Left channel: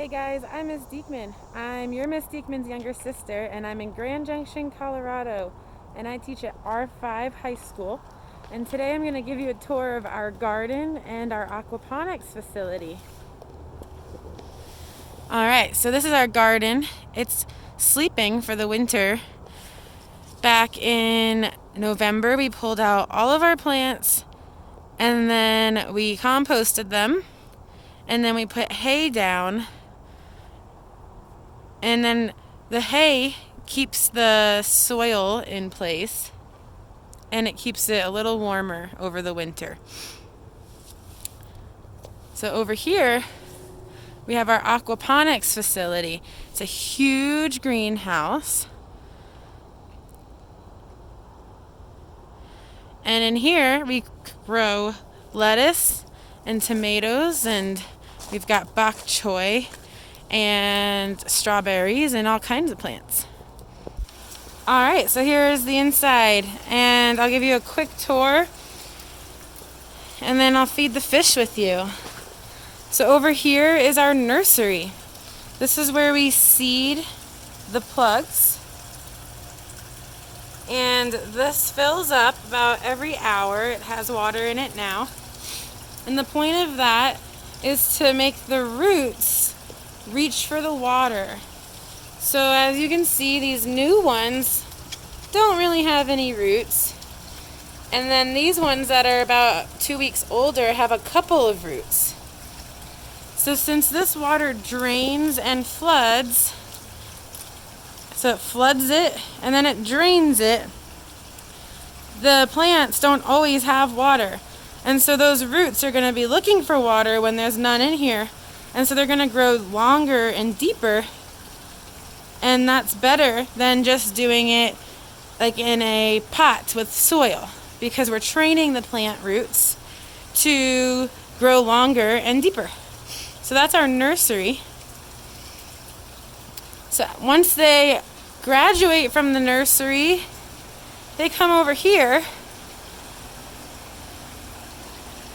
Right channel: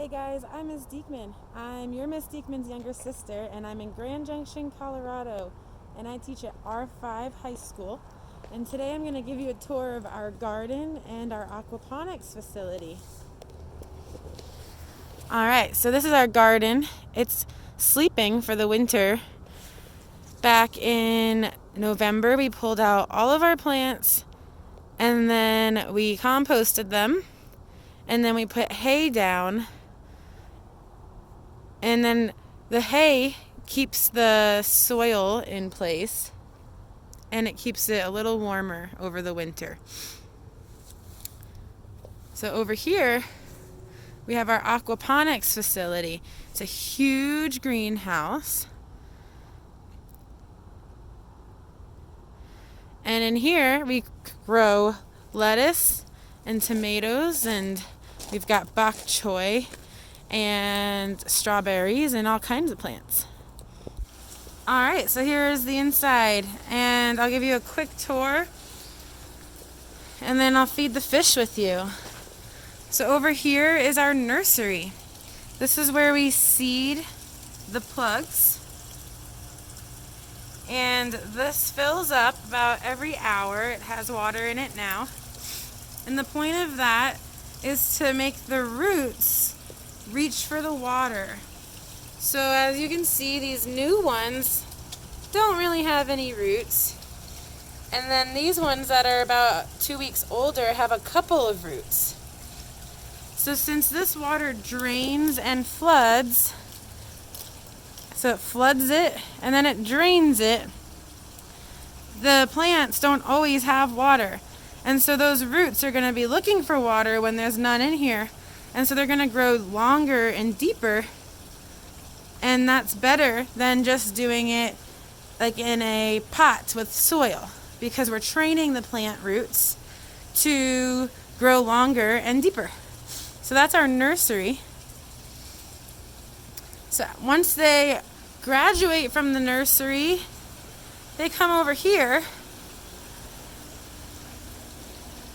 Hey guys, I'm Miss Diekman. I'm your Miss Diekman's younger sister, and I'm in Grand Junction, Colorado, and I teach at R5 High School. And today I'm going to give you a tour of our garden and our aquaponics facility. Alright, so this is our garden. It's sleeping for the winter. Back in November, we pulled out all of our plants, and then we composted them, and then we put hay down. And then the hay keeps the soil in place, and it keeps it a little warmer over the winter. So over here, we have our aquaponics facility. It's a huge greenhouse. And in here, we grow lettuce and tomatoes, and we've got bok choy and strawberries and all kinds of plants. Alright, so here is the inside, and I'll give you a quick tour, and then I'll feed the fish with you. So over here is our nursery. This is where we seed the plugs, and this fills up about every hour. It has water in it now, and the point of that is to make the roots reach for the water. So as you can see, these new ones don't really have any roots, and then these ones that are about 2 weeks older have a couple of roots. So since this water drains and floods, so it floods it and then it drains it, the plants don't always have water, and so those roots are going to be looking for water when there's none in here. And so they're going to grow longer and deeper, and that's better than just doing it like in a pot with soil, because we're training the plant roots to grow longer and deeper. So that's our nursery. So once they graduate from the nursery, they come over here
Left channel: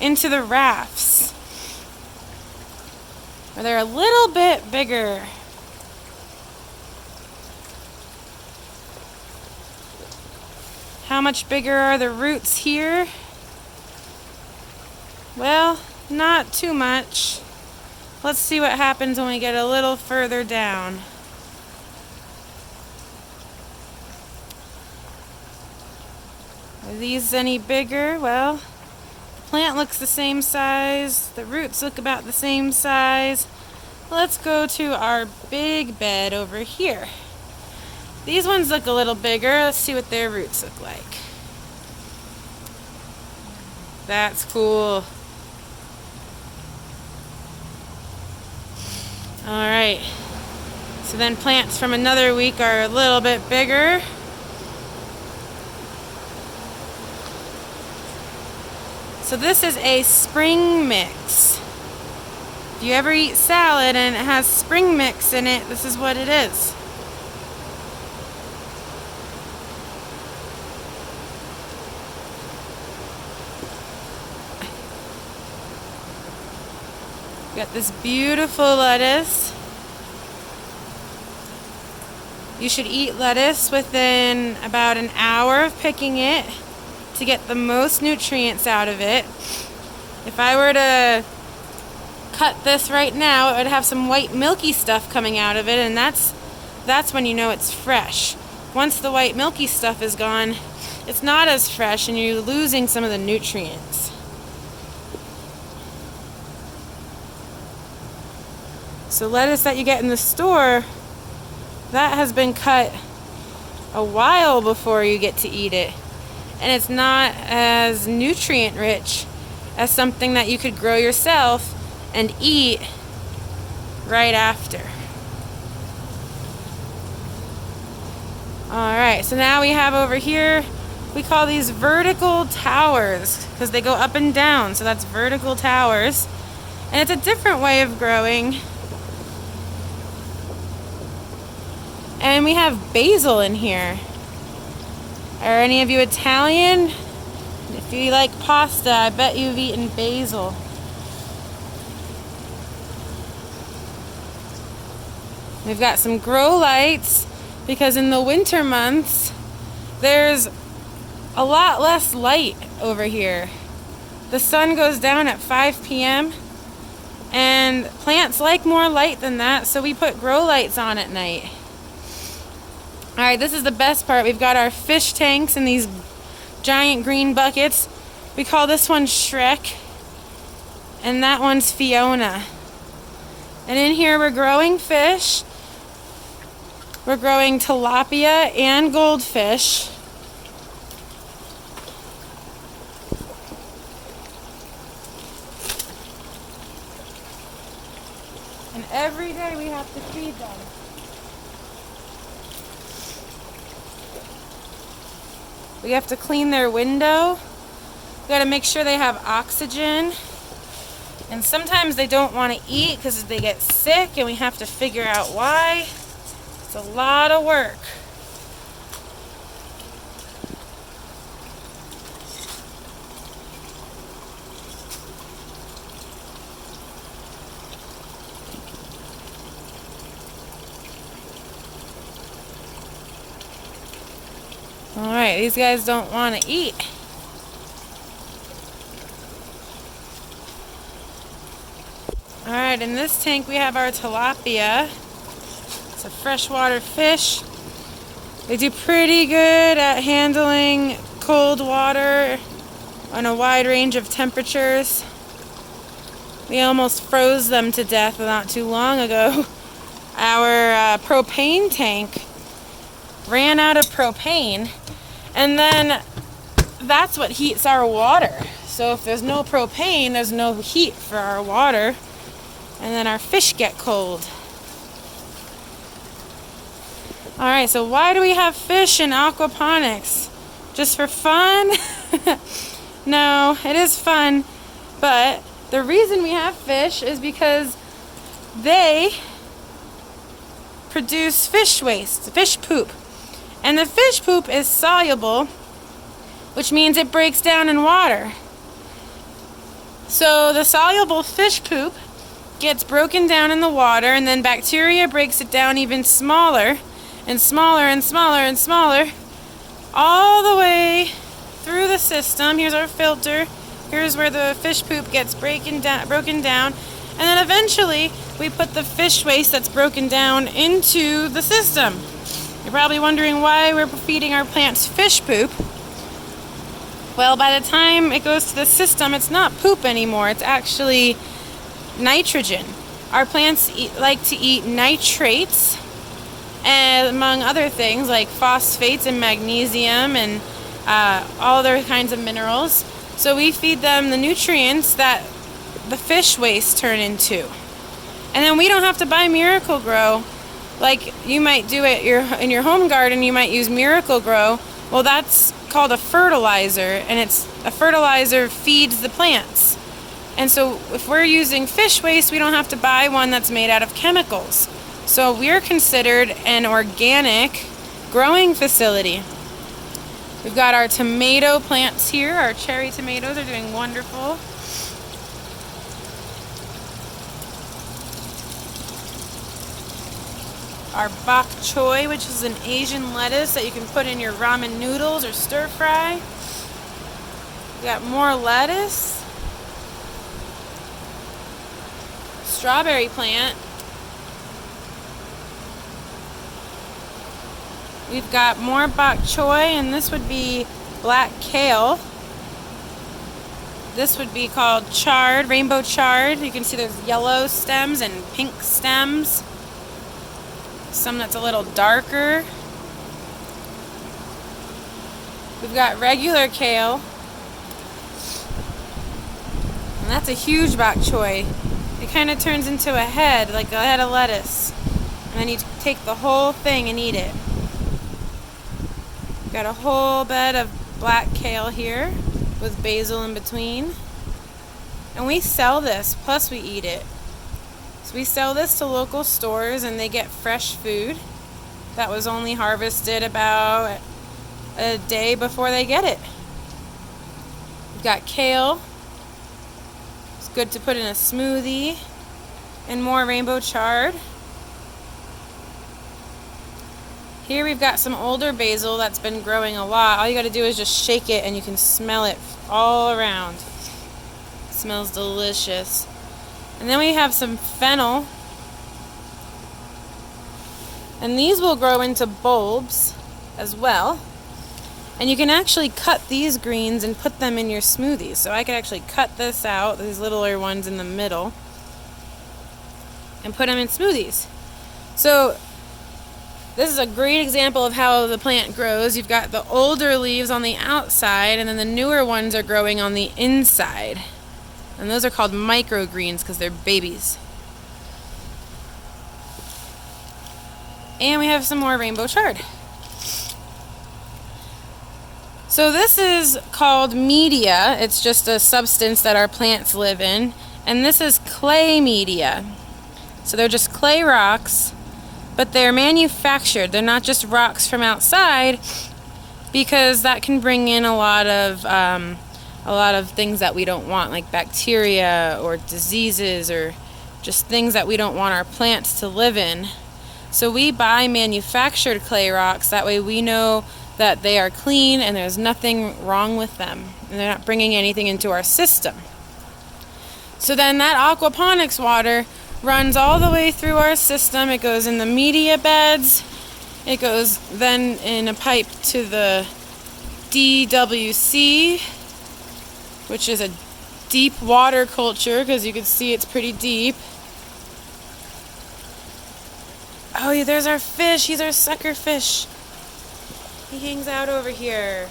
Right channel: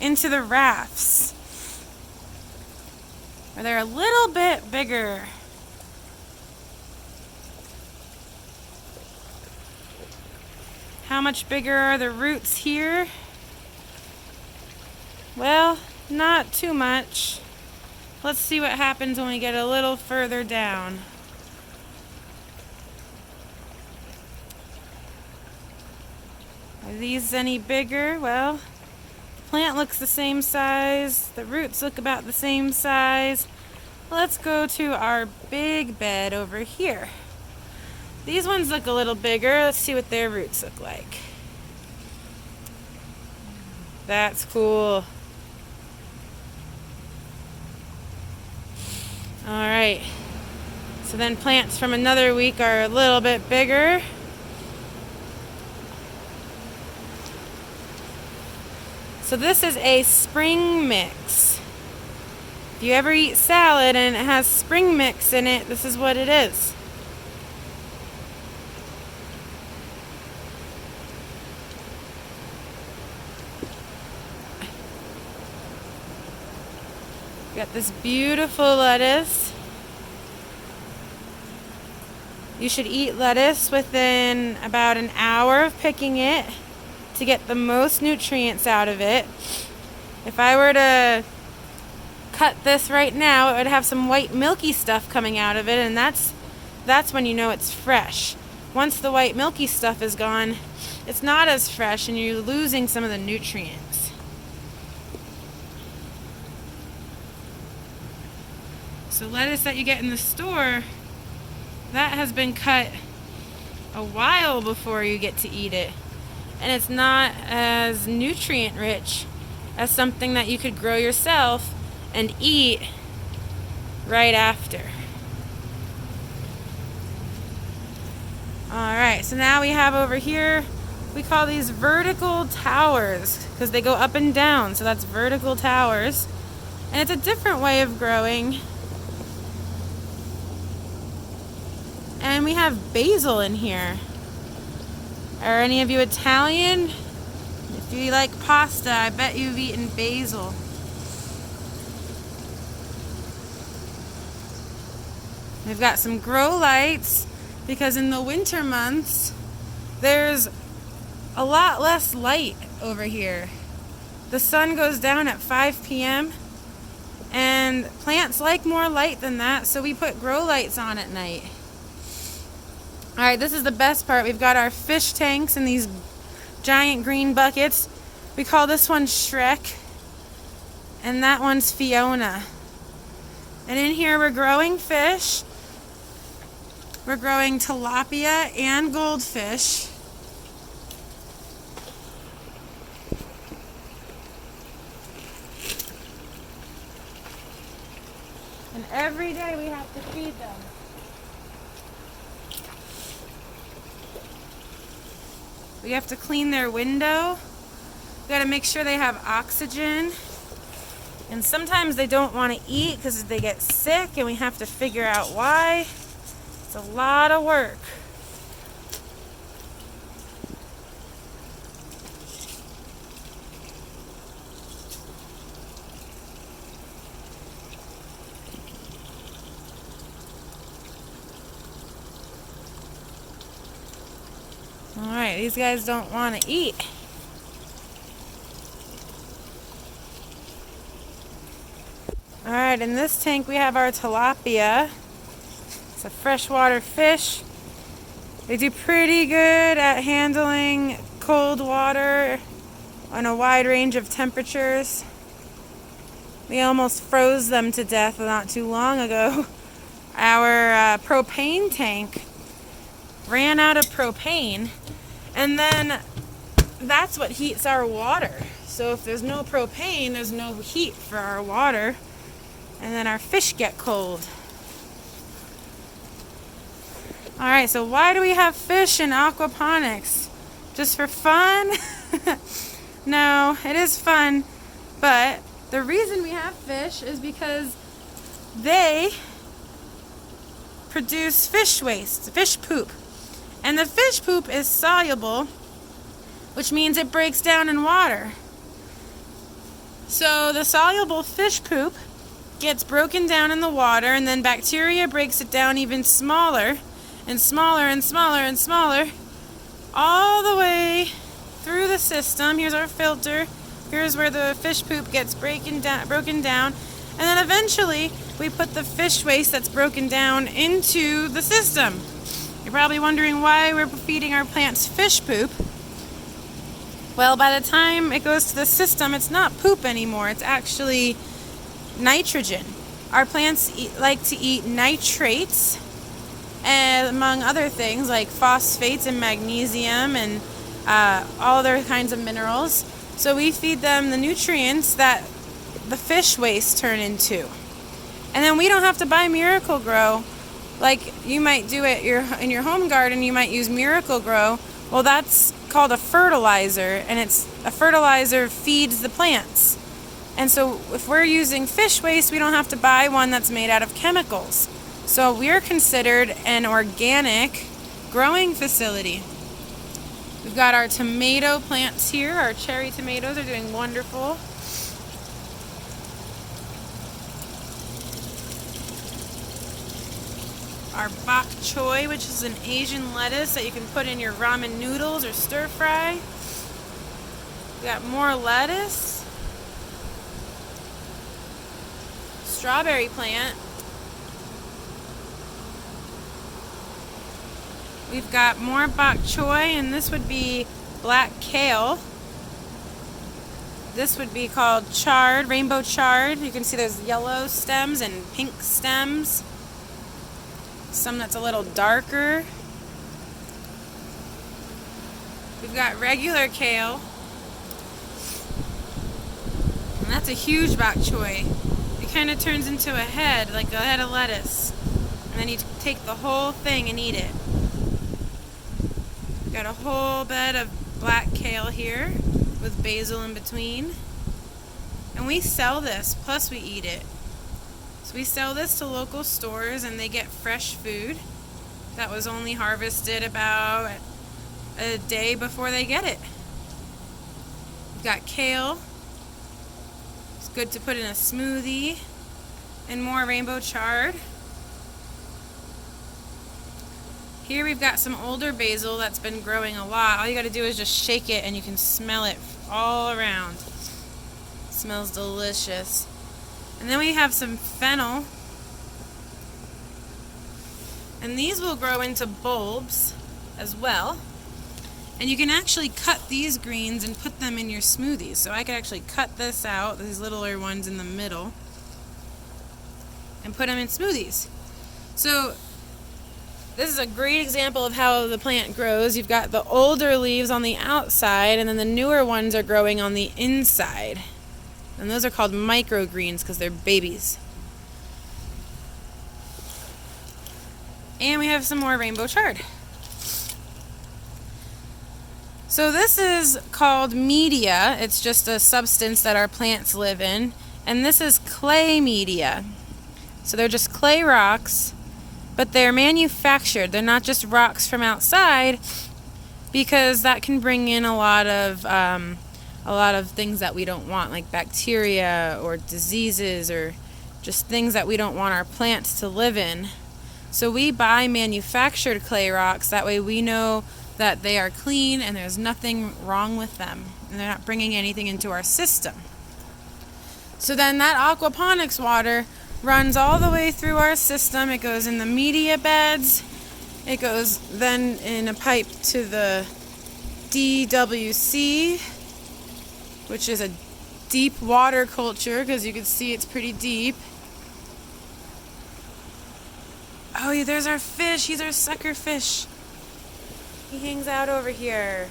into the rafts, where they're a little bit bigger. How much bigger are the roots here? Well, not too much. Let's see what happens when we get a little further down. Are these any bigger? Well, plant looks the same size, the roots look about the same size. Let's go to our big bed over here. These ones look a little bigger. Let's see what their roots look like. That's cool. Alright, so then plants from another week are a little bit bigger. So this is a spring mix. If you ever eat salad and it has spring mix in it, this is what it is. We got this beautiful lettuce. You should eat lettuce within about an hour of picking it to get the most nutrients out of it. If I were to cut this right now, it would have some white milky stuff coming out of it, and that's when you know it's fresh. Once the white milky stuff is gone, it's not as fresh, and you're losing some of the nutrients. So lettuce that you get in the store, that has been cut a while before you get to eat it, and it's not as nutrient rich as something that you could grow yourself and eat right after. Alright, so now we have over here, we call these vertical towers because they go up and down, so that's vertical towers, and it's a different way of growing. And we have basil in here. Are any of you Italian? If you like pasta, I bet you've eaten basil. We've got some grow lights because in the winter months, there's a lot less light over here. The sun goes down at 5 p.m. and plants like more light than that, so we put grow lights on at night. Alright, this is the best part. We've got our fish tanks in these giant green buckets. We call this one Shrek, and that one's Fiona. And in here we're growing fish. We're growing tilapia and goldfish. And every day we have to feed them. We have to clean their window. We got to make sure they have oxygen. And sometimes they don't want to eat because they get sick and we have to figure out why. It's a lot of work. Alright, these guys don't want to eat. Alright, in this tank we have our tilapia. It's a freshwater fish. They do pretty good at handling cold water on a wide range of temperatures. We almost froze them to death not too long ago. Our propane tank ran out of propane, and then that's what heats our water. So if there's no propane, there's no heat for our water, and then our fish get cold. Alright, so why do we have fish in aquaponics? Just for fun? No, it is fun, but the reason we have fish is because they produce fish waste, fish poop. And the fish poop is soluble, which means it breaks down in water. So the soluble fish poop gets broken down in the water, and then bacteria breaks it down even smaller and smaller and smaller and smaller, all the way through the system. Here's our filter. Here's where the fish poop gets broken down. And then eventually we put the fish waste that's broken down into the system. You're probably wondering why we're feeding our plants fish poop. Well, by the time it goes to the system, it's not poop anymore. It's actually nitrogen. Our plants like to eat nitrates, and among other things like phosphates and magnesium and all other kinds of minerals. So we feed them the nutrients that the fish waste turn into. And then we don't have to buy Miracle-Gro. Like you might do it in your home garden, you might use Miracle-Gro. Well, that's called a fertilizer, and a fertilizer feeds the plants. And so if we're using fish waste, we don't have to buy one that's made out of chemicals. So we're considered an organic growing facility. We've got our tomato plants here. Our cherry tomatoes are doing wonderful. Our bok choy, which is an Asian lettuce that you can put in your ramen noodles or stir fry. We got more lettuce. Strawberry plant. We've got more bok choy, and this would be black kale. This would be called chard, rainbow chard. You can see there's yellow stems and pink stems. Some that's a little darker. We've got regular kale. And that's a huge bok choy. It kind of turns into a head, like a head of lettuce. And then you take the whole thing and eat it. Got a whole bed of black kale here with basil in between. And we sell this, plus we eat it. So we sell this to local stores and they get fresh food that was only harvested about a day before they get it. We've got kale. It's good to put in a smoothie. And more rainbow chard. Here we've got some older basil that's been growing a lot. All you got to do is just shake it and you can smell it all around. It smells delicious. And then we have some fennel. And these will grow into bulbs as well. And you can actually cut these greens and put them in your smoothies. So I could actually cut this out, these littler ones in the middle, and put them in smoothies. So this is a great example of how the plant grows. You've got the older leaves on the outside, and then the newer ones are growing on the inside. And those are called microgreens because they're babies. And we have some more rainbow chard. So this is called media. It's just a substance that our plants live in. And this is clay media. So they're just clay rocks, but they're manufactured. They're not just rocks from outside, because that can bring in a lot of things that we don't want, like bacteria or diseases or just things that we don't want our plants to live in. So we buy manufactured clay rocks. That way we know that they are clean and there's nothing wrong with them, and they're not bringing anything into our system. So then that aquaponics water runs all the way through our system. It goes in the media beds. It goes then in a pipe to the DWC, which is a deep water culture, because you can see it's pretty deep. Oh yeah, there's our fish. He's our sucker fish. He hangs out over here.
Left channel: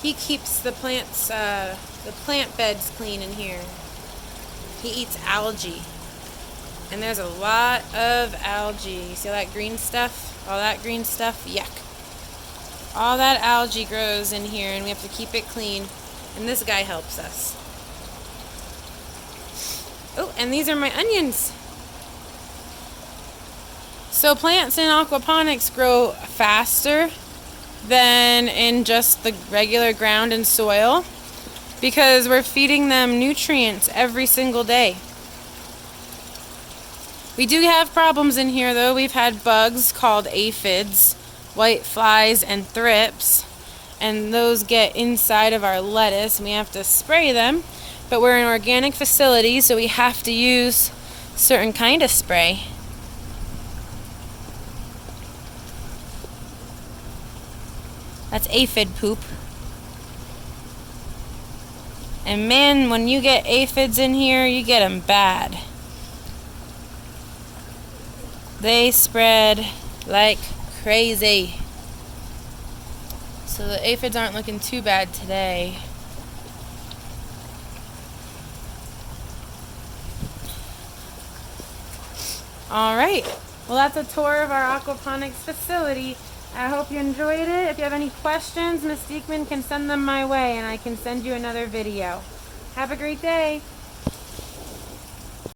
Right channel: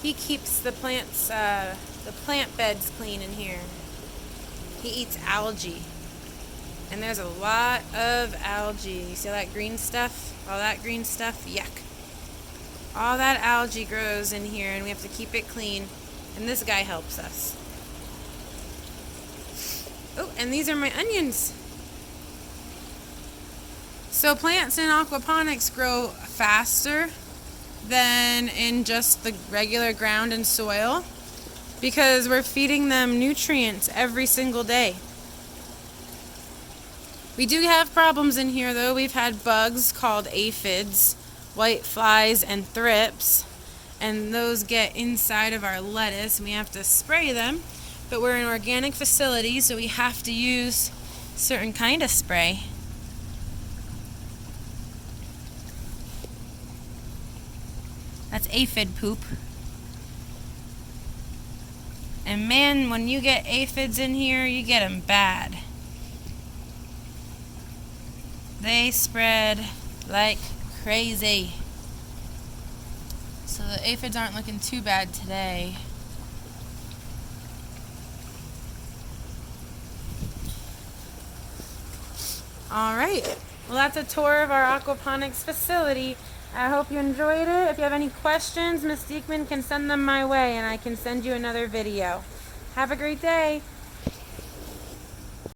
He keeps the plants, the plant beds clean in here. He eats algae. And there's a lot of algae. You see all that green stuff? All that green stuff? Yuck. All that algae grows in here, and we have to keep it clean. And this guy helps us. Oh, and these are my onions. So plants in aquaponics grow faster than in just the regular ground and soil, because we're feeding them nutrients every single day. We do have problems in here though. We've had bugs called aphids, white flies, and thrips, and those get inside of our lettuce and we have to spray them. But we're an organic facility, so we have to use certain kind of spray. That's aphid poop. And man, when you get aphids in here, you get them bad. They spread like crazy. So the aphids aren't looking too bad today. Alright, well that's a tour of our aquaponics facility. I hope you enjoyed it. If you have any questions, Miss Diekman can send them my way and I can send you another video. Have a great day.